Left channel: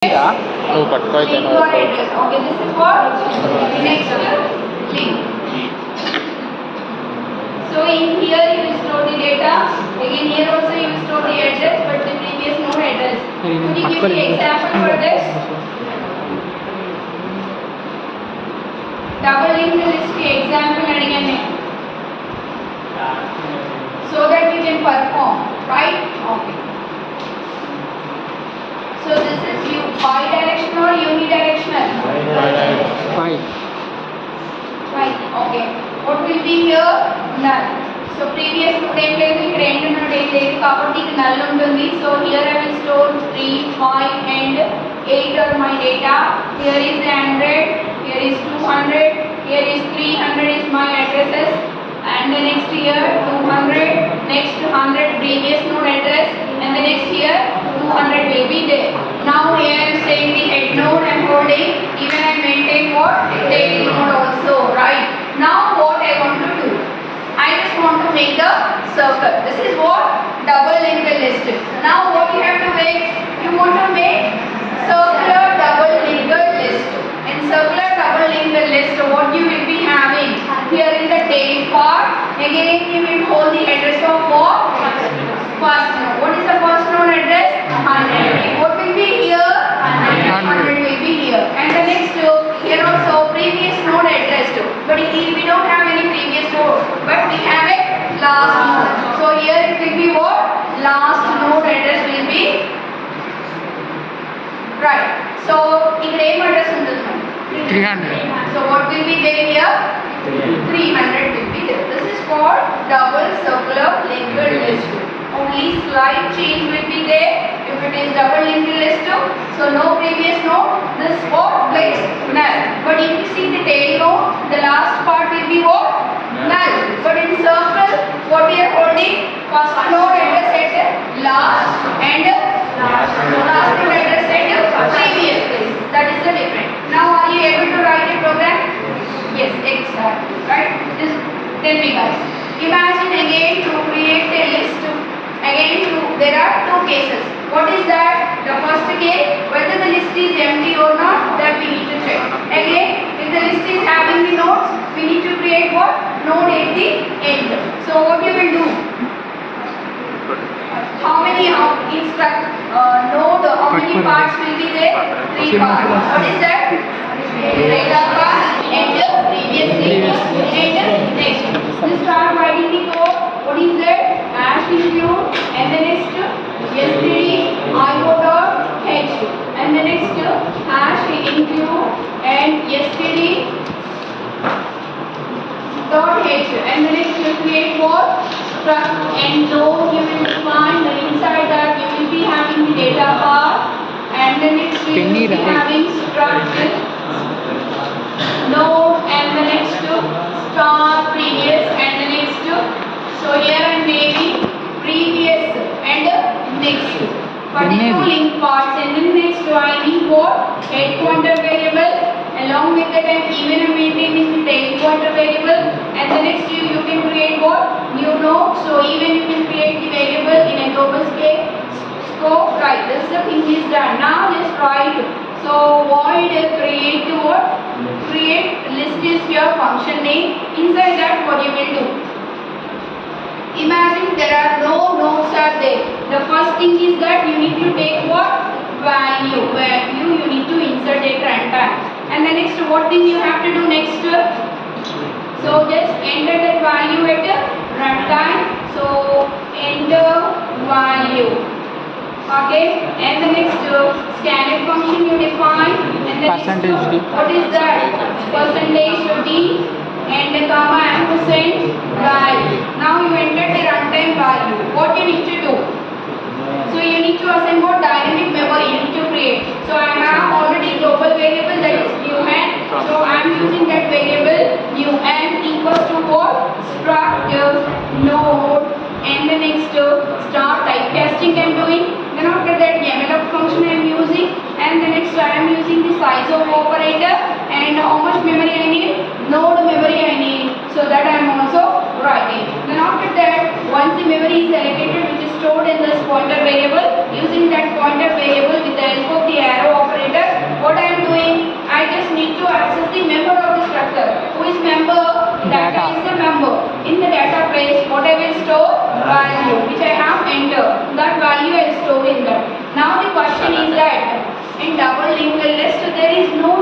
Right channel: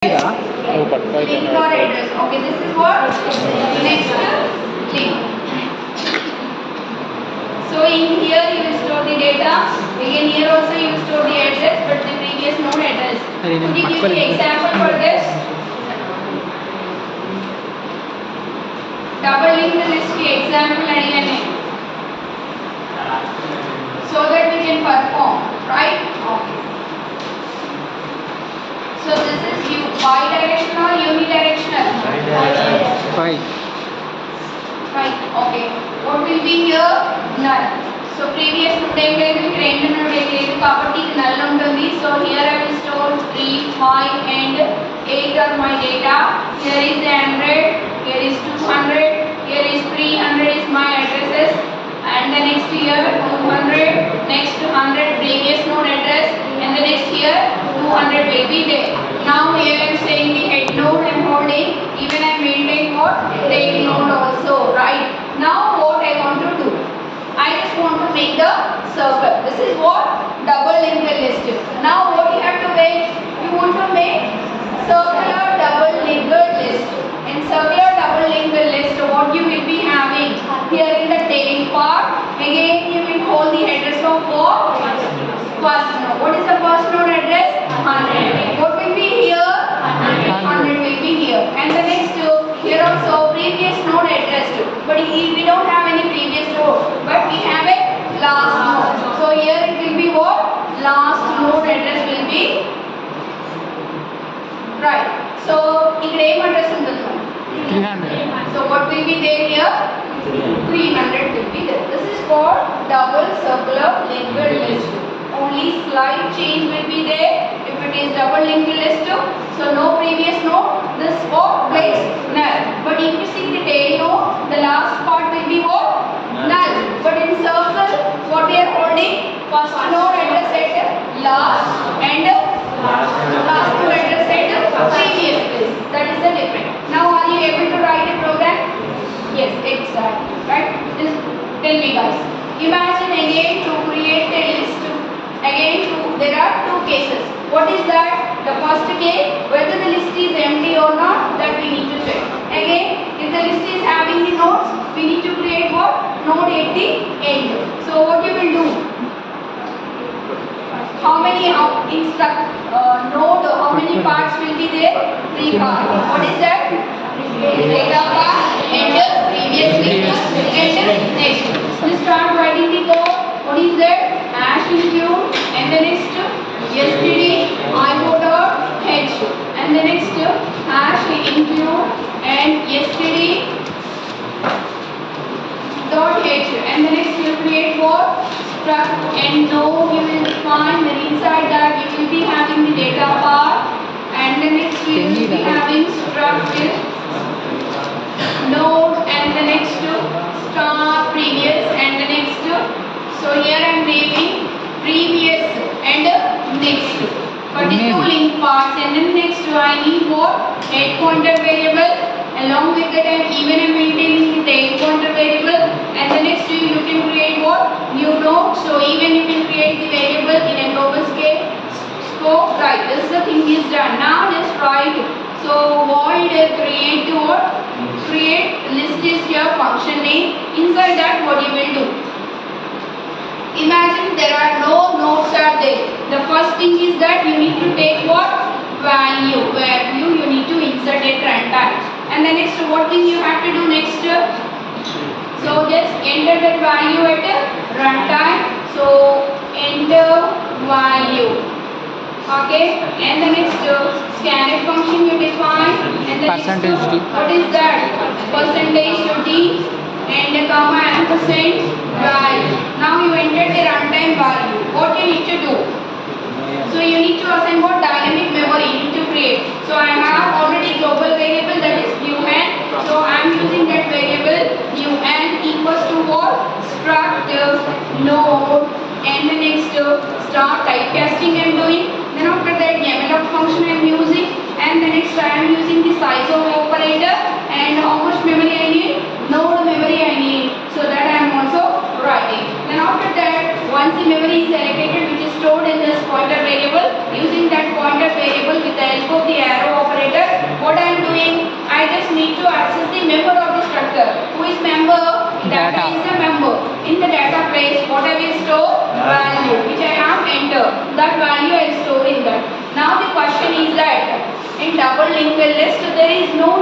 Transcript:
Link or address. Okay, this is what? Next link. So in here you will store the data. Again here also you will store the address, but the previous node address. Could you give me example for this? Double linked list की example अड़िगे so that we can perform, right? Okay. So this is you bidirectional or unidirectional? Right. Okay. What will be here? Null. So previous కాబట్టి null ఉంటుంది. So here I will store 3, 5 and 8 are my data. Here is 100. Here is 200. Here is 300 is my addresses. And the next here 200. Next 100 previous node address. And the next here 200 will be there. Now here I am saying the head node I am holding. Even I maintain what? Tail node also, right? Now what I want to do? I just want to make the circle. This is what? Double linked list. Now what you have to make? You want to make circular double linked list. In circular double linked list, what you will be having? Here in the tail part, again you will hold the address of what? First node. What is the first node address? 100. What will be here? 100 will be here. And the next here also previous node address. But we don't have any previous node, but we have a last node. So here it will be what? Last node address will be right. So ఇక్కడ ఏం address ఉంటుంది? 300. So what will be there here? 300 will be there. This is called double circular linked list. Only slight change will be there if it is double linked list. So no previous node. This what? Place null. But if you see the tail node, the last part will be what? Null. But in circle, what we are holding? First node address at last and last node address at previous place. That is the difference. Now are you able to write a program? Yes, exactly. Right? Just tell me guys. Imagine again to create a list. Again, there are two cases. What is that? The first case, whether the list is empty or not, that we need to check. Again, if the list is having the nodes, we need to create what? Node at the end. So what you will do? How many node? How many parts will be there? 3 parts. What is that? Data part and previous link and next. We start writing the code. What is that? Hash include and the next std io.h and the next hash include and std dot h and the next you create what? Struct and node you will define, and inside that you will be having the data part, and the next you will be having struct node and the next star previous and the next. So here I am making previous and next for the two link parts, and then next I need what? Head pointer variable. Along with that I am even maintaining the tail pointer variable, and the next you can create what? New node. So even you can create the variable in a global scale scope. Right, this is the thing is done. Now just write. So void create what? Create list is your function name. Inside that what you will do? Imagine there are no nodes are there. The first thing is that you need to take what? Value. Value you need to insert at runtime. And the next what thing you have to do next? So just enter that value at runtime. So enter value. Okay. And the next scanf function you define. And the percentage d. What is that? Percentage d. And the comma ampersand value. Now you enter the runtime value. What you need to do? So you need to assign what? Dynamic memory you need to create. So I have already global variable that is UN. So I am using that variable UN equals to what? Struct node and the next start typecasting I am doing. Then after that YAML function I am using, and the next I am using the size of operator, and how much memory I need? Node memory I need. So that I am also writing. Then after that, once the memory is allocated, which is stored in this pointer variable, using that pointer variable with the help of the arrow operator just need to access the member of the structure. Who is member? Data is the member. In the database, what I will store? Value, which I have entered. That value I will store in that. Now the question is that in double linked list there is no